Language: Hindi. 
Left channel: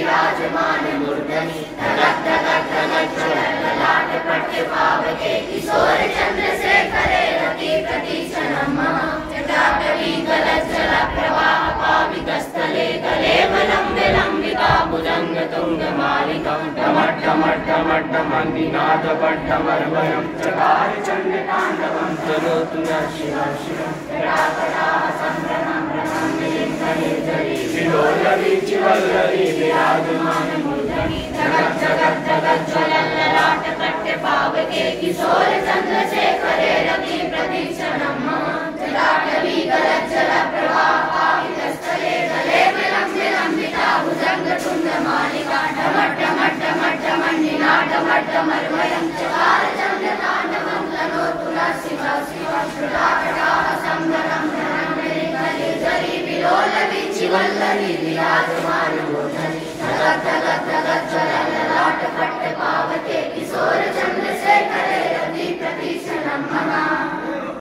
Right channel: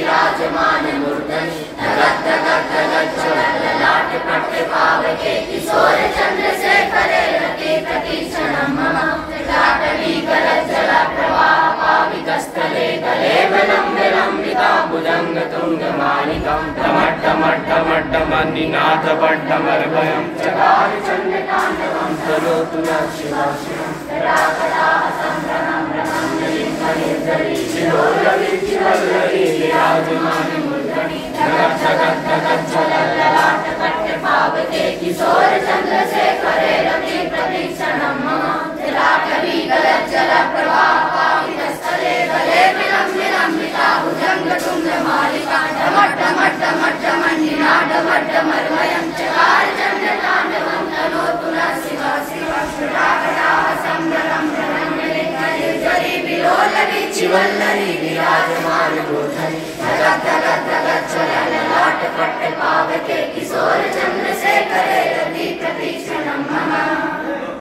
विराजमान मूर्धनि ललाट पट्ट पावके किशोर चंद्रशेखरे रति प्रतीक्षणं मम जटाटवी गलज्जल प्रवाह पावितस्थले गले विलम्बिताम्बुजंग तुंगमालिकं डमड्डमड्डमड्डमन्निनादपड्डमर्वयं चकार चण्डताण्डवं तनोतु नः शिवः शिवं जटाकटाः सम्भ्रमं ब्रह्मण्डलीं फणिर्धरी शिरोरवीचिवल्लरी विराजमान मूर्धनि जगज्जलल्ललाट पट्ट पावके किशोर चंद्रशेखरे रति प्रतीक्षणं मम जटाटवी गलज्जल प्रवाह पावितस्थले गले विलम्बिता भुजंग तुंगमालिका डमड्डमड्डमड्डमन्निनादपड्डमर्वयं चकार चण्डताण्डवं तनोतु नः शिवः शिवः जटाकटाः सम्भ्रमं ब्रह्मण्डलीं फणिर्धरी विलोलवीचिवल्लरी विराजमान